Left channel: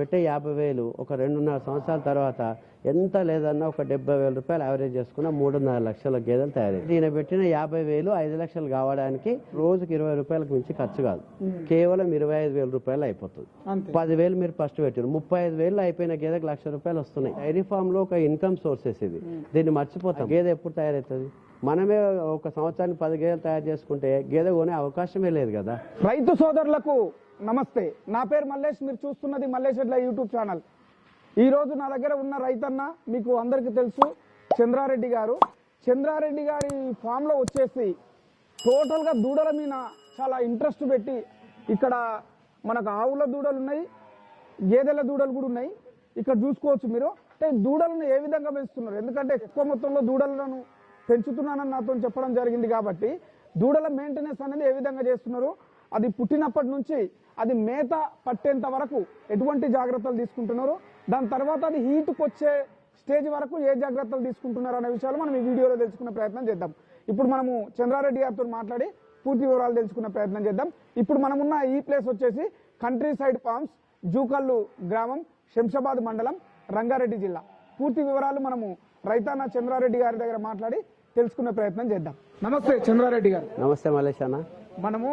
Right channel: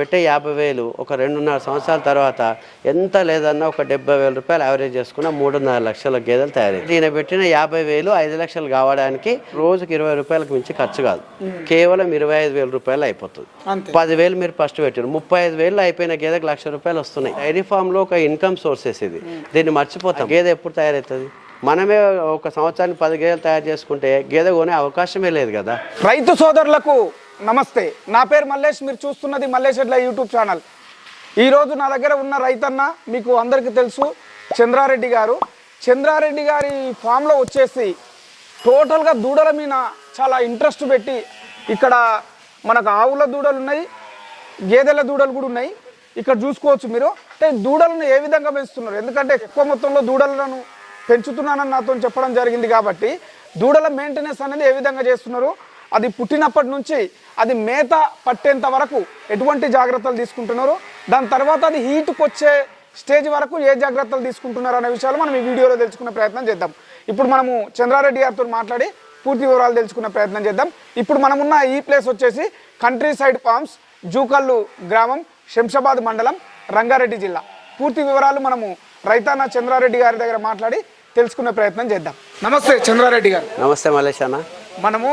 పెట్టే యాభై వేలు ఒక రెండున్నర సంవత్సరాల తర్వాత ఎంత లేదన్నా ఒక డెబ్బై వేల రూపాయలు యావరేజ్ చేసుకున్న మూడున్నర లక్షల గేదెలు తయారయ్యాయి ఈయన పెట్టిన యాభై వేలు ఐదు లక్షలు కావడానికి రోజుకి ఇరవై రూపాయలకు మించి ఖర్చు కాదు. కేవలం ఇరవై ఐదు వేల రూపాయలు అయిపోతుంది. పదివేలు మీరు ఫస్ట్ పెట్టారు. ముప్పై ఐదు వేలు అయిపోయిన గేదెకి లక్ష రూపాయలు వస్తున్నాయి. డైరీ ఫామ్లో ఒక ఇన్కమ్ సోర్సెస్ ఇది దీన్ని మర్చిపోతాం. గేదె ఎప్పుడు తయారవుతుంది? మనమే ఒక సంవత్సరానికి పది గేదెలు తయారు చేసుకుంటే గేదె కొనే అవకాశమే లేదు కదా. రైతు సోదరులకు నమస్తే. నా పేరు మల్లేష్. మీరు చూస్తున్నది మల్లేష్ ఎడ్ల యూట్యూబ్ ఛానల్. ఈరోజు నా దగ్గర ఉన్న రైతన్న మీకు అందరికీ తెలుసు చంద్రారెడ్డి గారు. చంద్రారెడ్డి గారి ఫామ్లో వచ్చేసి టోటల్గా దూడల మీద చాలా ఇంట్రెస్ట్ పెట్టి ఇక్కడ మనకు ఆవుల దూడలు ఉన్నాయి గేదెల దూడలు కూడా ఉన్నాయి. ఇక్కడ చూసుకోవచ్చు మీరు. అంటే దూడలను ఏ విధంగా పెంచుతున్నారు? ఎందుకంటే ఎక్కువ మొత్తంలో దూడలను పెంచుతున్నానని నాతో చెప్పడం జరిగింది కాబట్టి దూడల మెయింటెనెన్స్ అనేది ఏ విధంగా చేస్తున్నారు? అది పుట్టినప్పటి నుంచి అది మేత పట్టేంత వరకు ఎటువంటి జాగ్రత్తలు తీసుకుంటున్నారు? దాని తర్వాత అది హీట్కి వచ్చే స్టేజ్ వరకు ఏ జాగ్రత్తలు తీసుకుంటున్నారు అనే విషయాలు మనం ఈ వీడియోలో తెలుసుకునే ప్రయత్నం చేద్దాం. ఇప్పుడు మనము చంద్రారెడ్డి గారితో మాట్లాడి పూర్తి వివరాలు తెలుసుకునే ప్రయత్నం చేద్దాం. ఇప్పుడు మనమున్న ఈ ప్లేస్ వచ్చేసి కంట్రీ సైడ్ ఫార్మ్స్ జూకల్లు గ్రామం శంషాబాద్ మండలం రంగారెడ్డి జిల్లా. పూర్తి వివరాలు మనము రైతాన్న చంద్రారెడ్డి గారి దగ్గర మాట్లాడి తెలుసుకునే ప్రయత్నం చేద్దాం. నమస్తే చంద్రారెడ్డి గారు. నమస్తే మలేష్ అన్న. మనము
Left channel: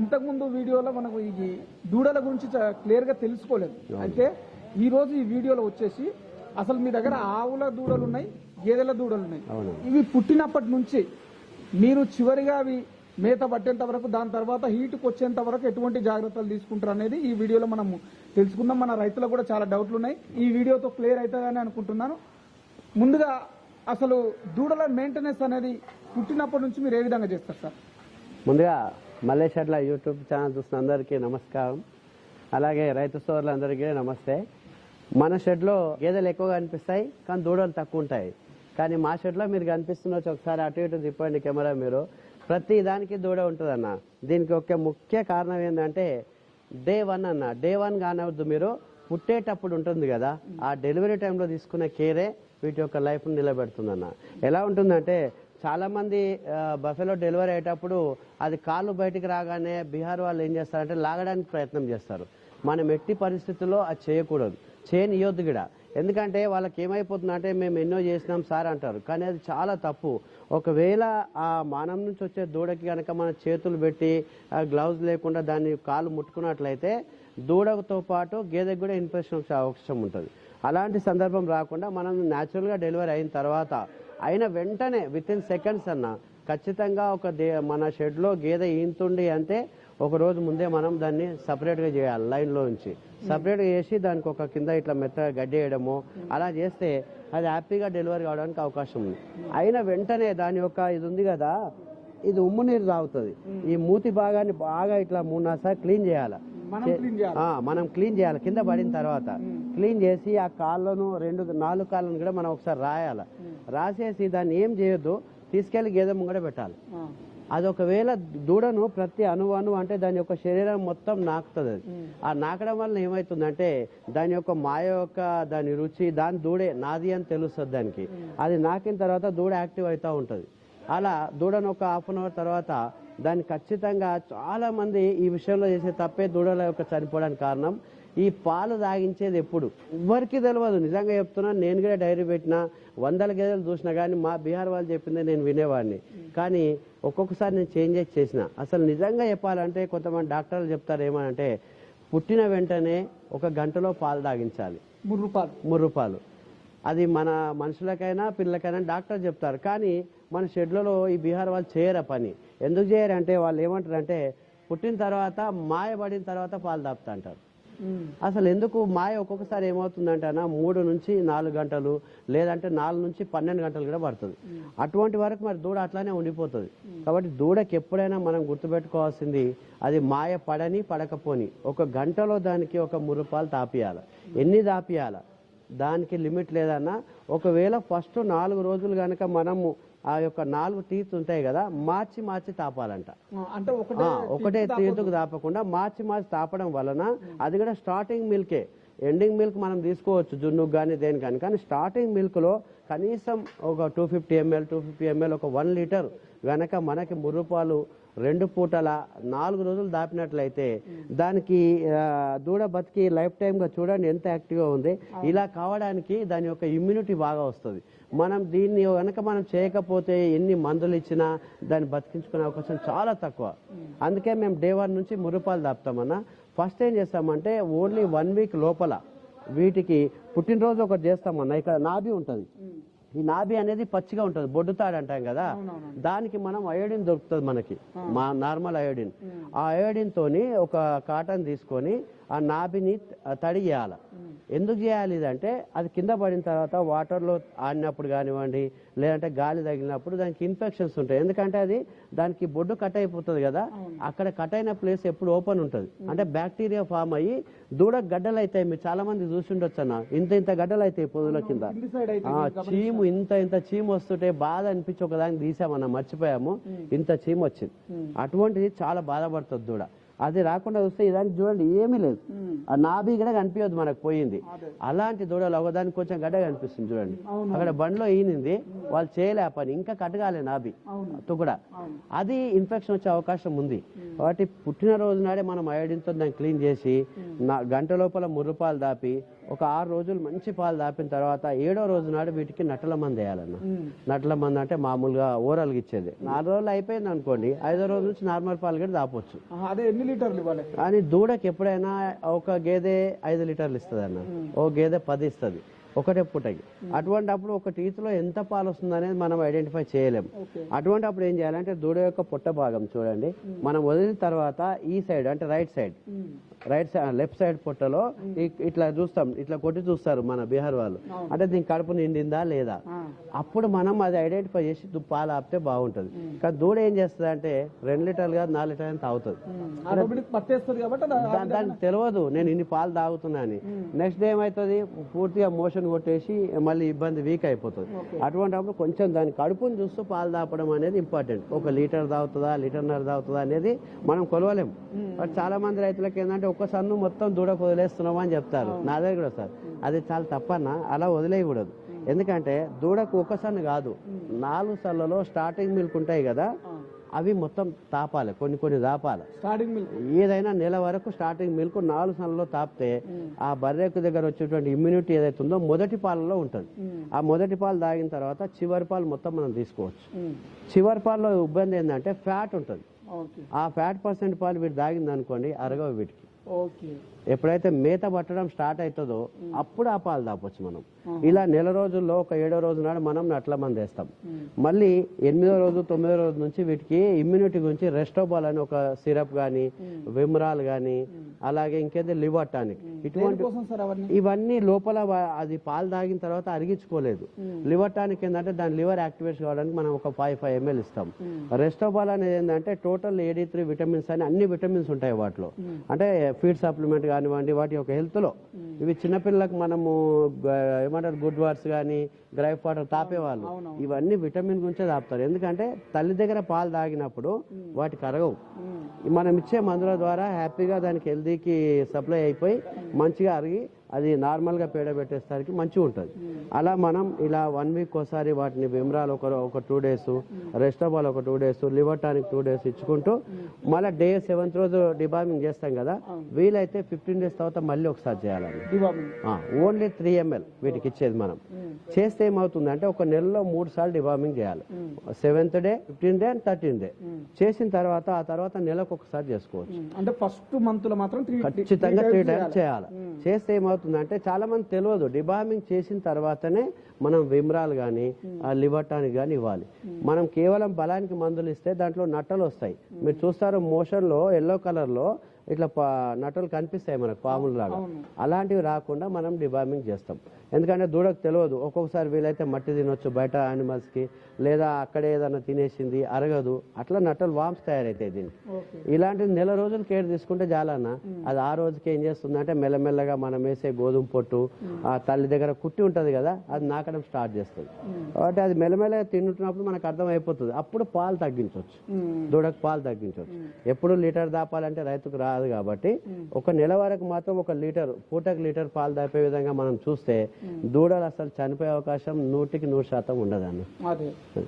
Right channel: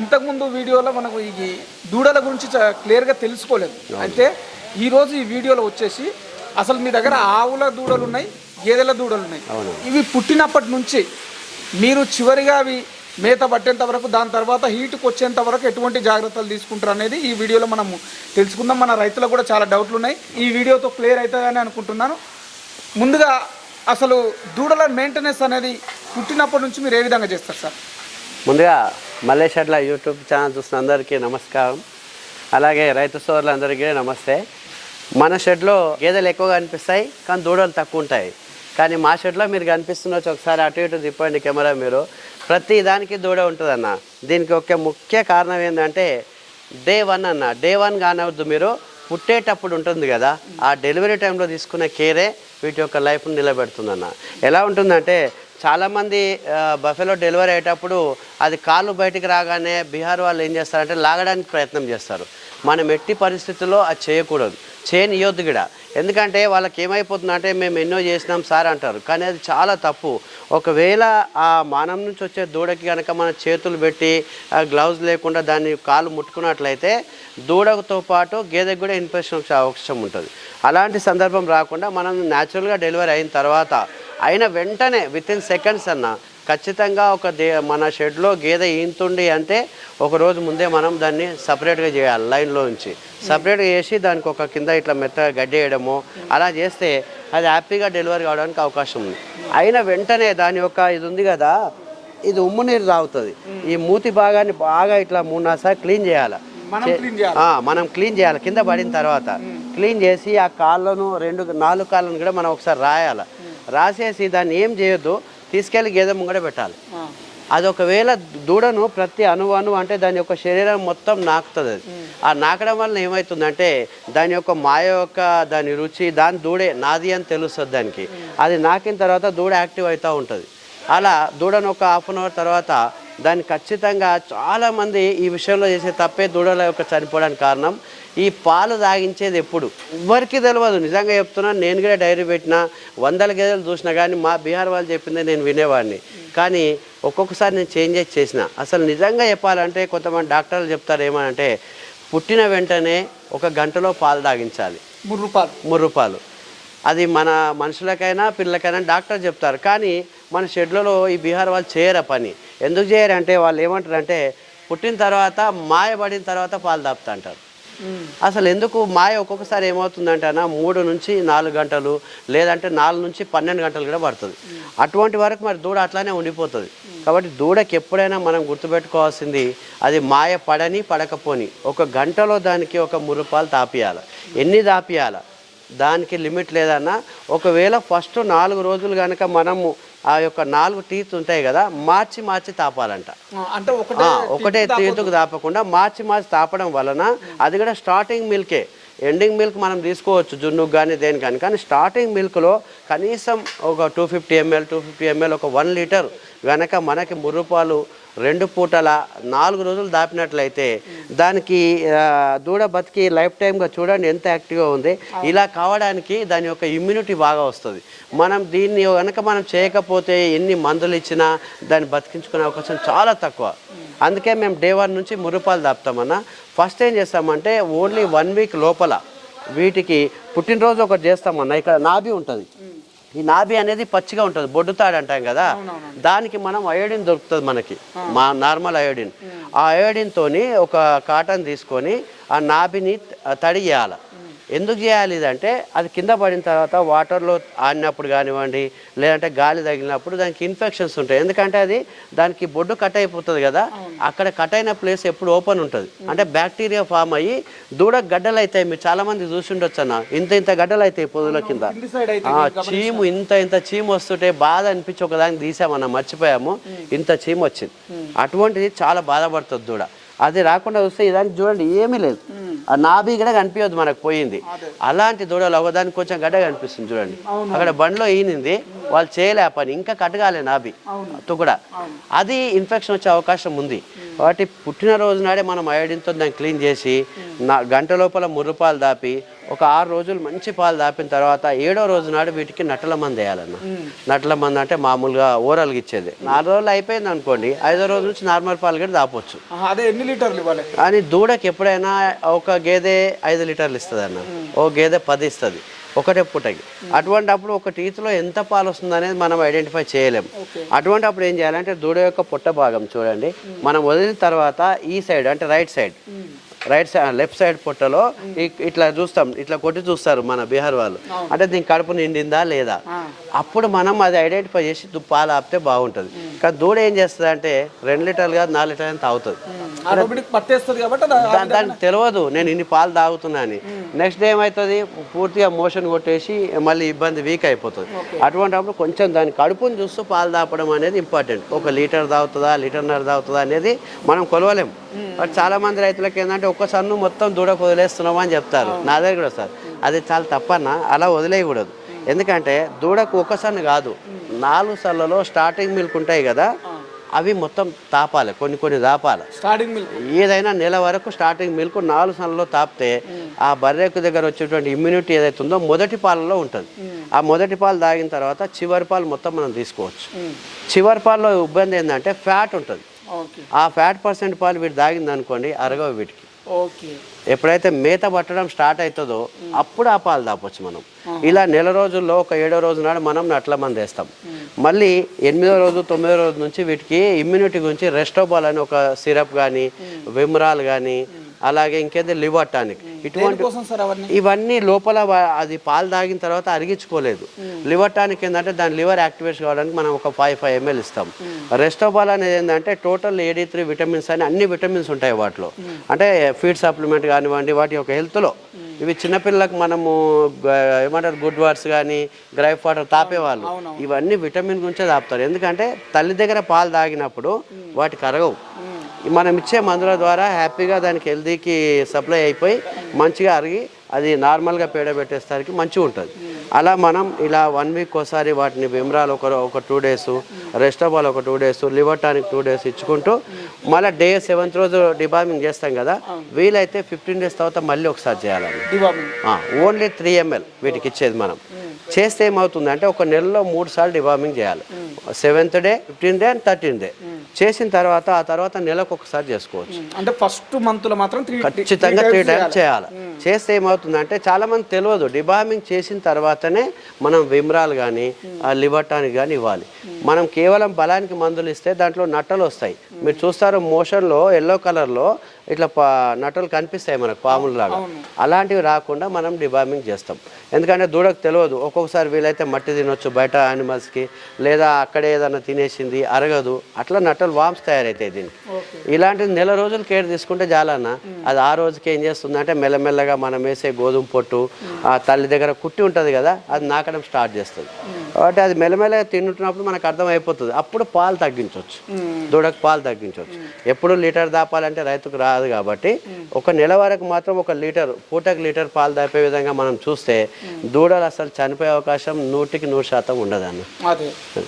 ఇంతకుముందు వీడియోలో మనకు ఈ దూడల గురించి క్లియర్గా తెలుసుకోలేదు. అయితే ఈరోజు ఈ వీడియోలో వచ్చేసి అసలు మీ దగ్గర ఆవుల దూడలు ఉన్నాయి గేదెల దూడలు ఉన్నాయి ఇవి పుట్టినప్పటి నుంచి మీరు చివరిగా అవి మేత పట్టేంత వరకు దాని తర్వాత హీట్కి వచ్చేంత వరకు ఎటువంటి జాగ్రత్తలు తీసుకుంటారు అనేది ఈ వీడియోలో మనము తెలుసుకుందాం. మన రైతులకు కూడా చాలా డౌట్లు ఉన్నాయి. ఈ వీడియోతో క్లియర్ అవుతుందని అనుకుంటున్నాను. ముందుగా అసలు దూడల మెయింటెనెన్స్ అనేది పుట్టినప్పటి నుంచి మీరు ఏ విధంగా చేస్తారు సార్? ముందుగా మల్లేషట్ల యూట్యూబ్ ఛానల్ చూసిన అందరికీ నమస్కారం. అలాగే రైతు సోదరులందరికీ నమస్తే. మన షెడ్లో గేదెలు ఎక్కువగా కనిపిస్తాయి కానీ దూడలు తక్కువ ఉంటాయి. కానీ మా షెడ్లో మీరు కనిపిస్తున్నచ్చు ఒకసారి అటు ఇటు తిప్పండి కెమెరా మీరు. ప్రతి దానికి దూడ ఉంటుందన్న. దీనికి ఒక ముఖ్య కారణం ఏంటంటే డే వన్ అన్న. డే వన్ కానవద్దు మీరు పుట్టేటప్పుడు ఉంటుంది కదా ఆ డెలివరీ టైంలో తీసుకునే కేరే వీటి యొక్క లైఫ్ని నిలబెడుతుందన్న. ఎలా ఉంటుందంటే చాలామంది బఫెలో డెలివరీ అయ్యేటప్పుడు అది కాళ్ళు బయటికి రాగానే బీహార్ వాళ్ళు ఏం చేస్తారంటే లాగడానికి ప్రయత్నం చేస్తారు. మనం ఎట్టి పరిస్థితుల్లో అది చేయకూడదు. చేయనియొద్దు కూడా. ఎందుకంటే వాళ్ళకి ఏమైపోతుందంటే మేము ఎన్నో చేసినాం సార్ అంటారు. కానీ అది చాలా తప్పు. ఒకవేళ ఆ మానం నుంచి వచ్చే దూడకి కనుక మన చేతులు పెట్టి ఆ గ్లౌజ్ లేకుండా దాన్ని కాలు ముట్టుకున్నట్లయితే దూడతో పాటు గేదెకి కూడా ఇన్ఫెక్షన్ వచ్చే అవకాశం ఉంటుంది. అలాంటి సందర్భం రాకుండా మనం న్యాచురల్గా డెలివరీ అయిన తర్వాత అయిన వెంటనే విత్ ఇన్ సెకండ్స్ అన్న ఖచ్చితంగా ఒక దే మన షెడ్లో గేదె ఈంతుంది అంటే ఒక రోజు ముందే మనం దాన్ని సపరేట్గా చేయాలి లైన్లో నుంచి సపరేట్గా చేసి దానికి ఒక కింద ఇట్లా మెత్తగా గడ్డి వేయడము అలా చేస్తే అది హ్యాపీగా డెలివరీ కావడానికి అవకాశం ఉంది. అయిన వెంటనే దాని యొక్క ఇది ఉంది కదా ఇది ఉమ్ము నీరు తాగుతుంది. ఈ మూతి భాగాన్ని బాగా ఇట్లా మూడు నాలుగు సార్లు క్లీన్ చేయాలి. మనం క్లీన్ చేయాలి కింద పడిన తర్వాత. క్లీన్ చేసి ఆ కాళ్ళను రెండు నాలుగు కాళ్ళను కూడా మనం ఒకసారి రాయాలి. రాసేసి దాన్ని ఏం చేయొద్దు తీసుకెళ్ళి గేదె ముంగడ పెట్టాలి. అది ఒకవేళ దూడను ప్రతి అణువు అణువు అంటే దాని యొక్క శరీరం మొత్తం నాకుతుంది అది. ఆ నాకడం వల్ల ఏమవుతుందంటే దాని యొక్క మాయ యొక్క దాని రుచి దాని దూడే నాది అని తెలుస్తుంది దానికి. అది నాకిన తర్వాత దూడ యాక్టివ్ అవుతూ ఉంటుంది. అలా దూడను ఒక హాఫ్ అన్ అవర్ తర్వాత దాన్ని ఖచ్చితంగా చాలామంది ఈ విషయంలో చేసే తప్పే దూడల యొక్క చనిపోవడానికి కారణం. ఈ పాలు తాగించేది ఎప్పుడు? ఎవరికి తెలియదు నిజంగా చెప్తున్నాను నేను కూడా డైరీ పెట్టిన వందల గేదెలు చూసినా కానీ మా బీహార్ వాళ్ళు చెప్పిందే నేను వినేవాడిని. కానీ ఒక్కొక్కసారి నేను చేంజెస్ చేసిన. అసలు నిజంగా చెప్పాలంటే కొంతమంది డాక్టర్లు చెప్తారు ఏమనంటే పుట్టిన వెంటనే ఒక గంటలో పాలు తాగించాలి. ముర్రు పాలు అది మన మనుషులకైనా పిల్లలకైనా డాక్టర్ చెప్తారు. కానీ మన షెడ్లలో ఈ బీహార్ వాళ్ళు చేయరు పని? ఎందుకు చేయరంటే వాళ్ళు ఏమంటారంటే పుట్టిన తర్వాత మాయ పడిన తర్వాత పాలు తాపుతా అంటారు. అసలు ఎందుకు మాయ ఒక్కొక్కసారి ఏమవుతుందంటే అన్న మూడు నుంచి నాలుగు గంటలు లేదంటే నాలుగు నుంచి పన్నెండు గంటలు కూడా పడుతుంది. అటువంటి వరకు మరి దూడ అట్లానే ఉండిపోతుంది. కాబట్టి దూడకి ఎప్పుడైనా మనం గుర్తుపెట్టుకోవాల్సింది అది మాయ పడని పడకపోని. ఒక గంటలో దానికి ఒక మురుపాలు తాపియాలి. ఎన్ని తాపియాల? దానికి లిమిట్ లేదన్నా ఒకవేళ ఫస్ట్ నాలుగు రోజులు కనుక మనము ఆ యొక్క నాలుగు టీత్ ఉంటాయి కదా మార్చి మార్చి తాపాలంట. అంటే ఒకటే తీతుకు తాపకుండా మార్చి మార్చి తాపడం వలన అది కూడా స్టార్టింగ్ మిల్కే ఎండింగ్ మిల్క్ మనం తీసుకోవచ్చు జున్నుకు కానీ దేని కానీ కానీ స్టార్టింగ్ మిల్క్లో కనీసం ఒక two fifty ML two fifty ML ఒక వన్ లీటర్ గనక మనకి ముర్రుపాలు రెండు పూటల నాలుగు రోజులు దాపినట్లయితే దానికి దూడ బతికి లైఫ్ టైమ్గా చూడండి ఎంత యాక్టివ్గా ఉంది. ఇలా కావడానికి దాని యొక్క ఇమ్యూనిటీ బాగా వస్తుంది. మనం దీన్ని కనుక మనం చేయకపోతే ఎన్ని మందులు ఇచ్చినా దాన్ని బతికించుకునే అవకాశం చాలా తక్కువ. అందుకే మేము డే వన్ నుంచి మురుపాలు దాపుతామన్నా. ఫస్ట్ ఏం చేస్తామంటే ఓన్లీ వన్ వీక్ లోపల వీటికి పుట్టినరోజు ఒకటి చేస్తామన్నా. ఇక్కడ నాభి ఉంటుంది. ఈ నాభి అనేది పచ్చిగా ఉంటుంది బొడ్డుతాడు అంటాం కదా దానికి మనం అయోడిన్ దొరుకుతుంది మనకి మా నార్మల్ అయోడిన్. ఆ అయోడిన్ తోని ఒక కాటన్ తీసుకొని ఆ నాభిని తడి చేయాలి. ఎందుకు చేయాలి ఇదంటే అది కింద పడిన తర్వాత వాటర్లో ఆడినప్పుడు కానివ్వండి లేదంటే గాలి తగిలినప్పుడు దానికి ఇన్ఫెక్షన్స్ ఉంటాయి. ఎందుకంటే అది దానికి బొడ్డు కట్ అయిపోతుంది కదా అక్కడ కట్ అయిన ప్లేస్ ఎప్పుడు ఓపెన్ ఉంటుంది. అంటే బ్యాక్టీరియా ఫామ్ అయ్యి దూడ గడ్డలు అవుతాయి మీరు చాలా మంది చూసి ఉండొచ్చు అన్న ఇంత ఇంత గడ్డలు అవుతాయి పొదుల కింద చీము ఇంత ఇంత చీము వస్తుంటే బాధ అనిపించి ఒకదానికి తీసామన్న మర్చిపోయాము. ఇంత చీము వచ్చింది. అటువంటిది చాలా బాధపడుతుంది దూడ. అది రాకుండా చూస్తే ఇదానికి చూడండి ఏమీ లేదు. ఆ నాభి కూడా కనిపించదు మనకు పోయింది. అలాంటి దూడలు ఒకదానికి కొంచెం గడ్డ కనిపిస్తుంది చూడండి. అక్కడ బండిలో ఈనింది వాళ్ళు చేయలే పని ఇంకా కట్టగాలే నాభి తుకుడ. అది ఇన్ఫెక్షన్ వచ్చే అవకాశం ఉంది. కాబట్టి పుట్టినరోజు నాడే మనం అయోడిన్తో దాన్ని క్లీన్ చేసి నా గంట లోపల ముర్రుపాలు దాపి ఒక ఆరు రోజులు మంచి పాలు దాపిన తర్వాత ఏడో రోజు నాడు వీటికి నట్టల మంది వేయాలన్న. నట్టల మంది అంటే మామూలుగా ఓరల్గా ఇచ్చేది. నాలుగు రోజులు అయిపోయింది అనుకోండి ఐదో రోజు నుంచి నార్మల్ పాలు కూడా దాపొచ్చు. అదే ఎన్ని లీటర్లు ఇవ్వాలి? కానీ దూడకి ఎప్పుడైనా ఒక గేదె ఐదు లీటర్లు ఇస్తుంది అన్న ఓ గేదె పది ఇస్తుంది. ఒకటే పూటకి. అటువంటి అప్పుడు ఒక టీత్లో ఎంత పాలు వస్తుంది అనేది మనం ఐడెంటిఫై చేయలేం. అటువంటి అప్పుడు ఏం చేయాలంటే దూడ యొక్క పొట్ట భాగం చూడండి. మనం వదిలిన తర్వాత ఈ సైడ్ అంటే right side. Right side left side పొట్టలో ఇట్లా చూస్తాం ఇట్లా కొట్టి చూస్తారు మన బీహార్ వాళ్ళు. అంటే దీని కడుపు నిండిందా లేదా? అప్పుడు మనం అది ఐడెంటిఫై చేసి పాలు ఆపితే బాగుంటుంది. కానీ దూడ ఏం చేస్తుంది అంటే రెండు లీటర్లు కాదు నాలుగు లీటర్లు తాగుతుంది. దానికి తెలియదు నేను ఇన్ని పాలు తాగుతున్నా అని. నెక్స్ట్ డే ఏమవుతుంది పూర్తిగా మోషన్ కొట్టేసి మళ్ళీ ఇబ్బంది వీక్ అయిపోతుంది. అటువంటిప్పుడు కొంచెం దాని కడుపుని చూస్తూ పాలు తాపడం అనేది ఇంపార్టెంట్ ఒక లీటర్ తాగుతుందా లీటర్న్నర తాగుతుందా అనేది మనం కొలవలేం. బట్ చాలా మంది రైతులకు ఏంటంటే ఒక్క సన్ను మొత్తం దూడకు వదిలేస్తున్నామా అని చెప్తారు. నా దగ్గర కూడా సార్. అది చాలా తప్పన్న అలా వదిలేయకూడదు. ఎందుకంటే దూడకు ఒక సన్ను కాదు. నాలుగు సన్నులలో స్టార్టింగ్ మిల్క్ ఉంటాయి కదా అవి మొత్తం తాపాలి కొన్ని కొన్ని తాపాలి స్టార్టింగ్ మిల్క్ ఏదైనా నెల వరకు స్టార్టింగ్ మిల్క్ నాలుగు నెలల్లో తాపితే ఆ బర్రెకు దగ్గర వచ్చేటువంటి ఇమ్యూనిటీ ఏదైతే ఉందో మొదటి పాలలో ఉంటుంది. ఆ మొదటి పాలు తాగిన తర్వాత చివరి పాలు మొత్తం మనం తీసుకోవచ్చు. చివరి పాలలో ఇబ్బంది ఏంటంటే ఫ్యాట్ ఉంటుంది. ఆ ఫ్యాట్ పర్సెంట్ పాలు వీటి తాగింది అనుకోండి అరగవు వీటికి. ఎప్పుడైతే మేత పట్టడం స్టార్ట్ అవుతుందో అప్పుడు ఆ పాలు తాపొచ్చు మనం. ఇలా నెల రోజుల్లో ఒక ఏడో రోజు నాడు మనం నట్ల మంది వేస్తాం. మళ్ళీ ఎనిమిదో రోజు తొమ్మిదో రోజు నుంచి వీటికి ఇమ్యూనిటీ గురించి రెస్టోబాల్ అని ఒక సిరప్ కానీ విమ్రాల్ కానీ అలాగే ఇంకేదో? Liver tonic. ఇటువంటి ఇవన్నీ లోపల అది పాలు తాగిన తర్వాత అరిగించుకోలేదు. లివర్ టానిక్ ఏంటంటే దాని లివర్ యాక్టివేట్ కావడానికి మనం ఒక ఫైవ్ ఫైవ్ ఎంఎల్ ఇస్తాం. రెస్టోబాల్ అనేది ఏంటంటే టోటల్ ఏడీ త్రీ విటమిన్స్ అని అన్ని విటమిన్స్ ఉంటాయి వాటిలో. అంటే ఫీడ్ సప్లిమెంట్ కానివ్వండి వాటి యొక్క హెల్త్లో. ఇవి చిన్నపిల్లలకు మనము ఏమంటారు? గుడ్ వాట్స్ కానీ గ్రైఫ్ వాటర్ తాపేవాళ్ళు ఇవన్నీ విటమిన్ గురించే తాపుతారు. ఎందుకంటే తల్లి దగ్గర పాలు తాగినప్పుడు వాటికి అరగవు. మనం ఇచ్చే మందుల ద్వారా హ్యాపీగా దానికి హెల్దీకి సప్లై అయిపోయి మంచిగా అరిగి అది నార్మల్గా పేడ పెట్టేసరికి మంచిగా ఉంటుంది. అలా మనం ఇలా వన్ వీక్ ఒకసారి వాటిని విమ్రాల్ ఒక ఒక టూ డేస్ రెస్టబాల్ ఒక two days liver tonic two days ఇచ్చుకుంటూ మళ్ళీ డే సెవెంత్ రోజు డిబార్మింగ్ చేస్తాం కదా వీలైతే ఫిఫ్టీన్ డేస్ తర్వాత మళ్ళీ ఒకసారి చేయాలండి. ఓన్లీ త్రీ ఎంఎల్ వీటికి ఇచ్చేది మనం. చేస్తే ఏమవుతుంది అంటే ఒక నెలలో మూడు సార్లు డివార్మింగ్ చేయాలి. Seventh day fifteen day and thirteen day. చేసిన తర్వాత ఆ తర్వాత నెలకు ఒకసారి చేసుకోవచ్చు. అంటే ఫస్ట్ మంత్లో మాత్రం త్రీ ఖచ్చితంగా త్రీ టైమ్స్ చేయాలి. చేస్తే ఏమవుతుందంటే చాలా మంది తెలియదు డిబార్మింగ్ చేసిన తర్వాతనే మనం విమ్రాల్ కానీ లివర్ టానిక్ కానీ ఇవ్వాలి. మనం కేవలం బలానికి మందులు ఇస్తే దాంట్లో నట్టలు వస్తాయి. మీరు చూస్తారు మోషన్లో ఎల్లో కలర్లో ఇట్లా పా నట్టలు కనిపిస్తాయి మనకు పాములు లాగా అలాంటివి రాకుండా మనం డిబార్మింగ్ చేస్తాం. ఎందుకంటే దూడకు తెలియదు ఒక్కొక్కసారి వీలైతే మట్టి తినొచ్చు బయట యానిమల్స్కి లేదా అక్కడే ఏదైనా తినేసింది అరగదు. అట్లా నట్టలు వామ్స్ తయారవుతాయి దీనికి. ఇలాంటి నెల రోజులు కేర్ తీసుకుంటే చాలన్న. అది ఆ రోజుకి ఏం చేస్తుంది అంటే మెల్లమెల్లగా మనం వేసే గోధుమ పొట్టు ఆ తల్లి దగ్గర కుట్టి ఉంటుంది కదా అది నాకడం స్టార్ట్ చేస్తుంది. కాబట్టి అది మెల్లమెల్లగా తింటున్నప్పుడు మనకు అర్థం అయిపోతుంది అప్పుడు పాలు తగ్గించవచ్చు దూడకు పాలు తగ్గించవచ్చు ఎప్పుడు లీటర్ దాపాలంటే రైతుకు కాదు కాబట్టి ఒక నెల వరకు మాత్రం ఒక లీటర్ పూటకు లీటర్ పాలు దాపే విధంగా మనం చూస్తే దూడలు అసలు చనిపోయే అవకాశం నూటికి నూరు శాతం ఉండదన్న.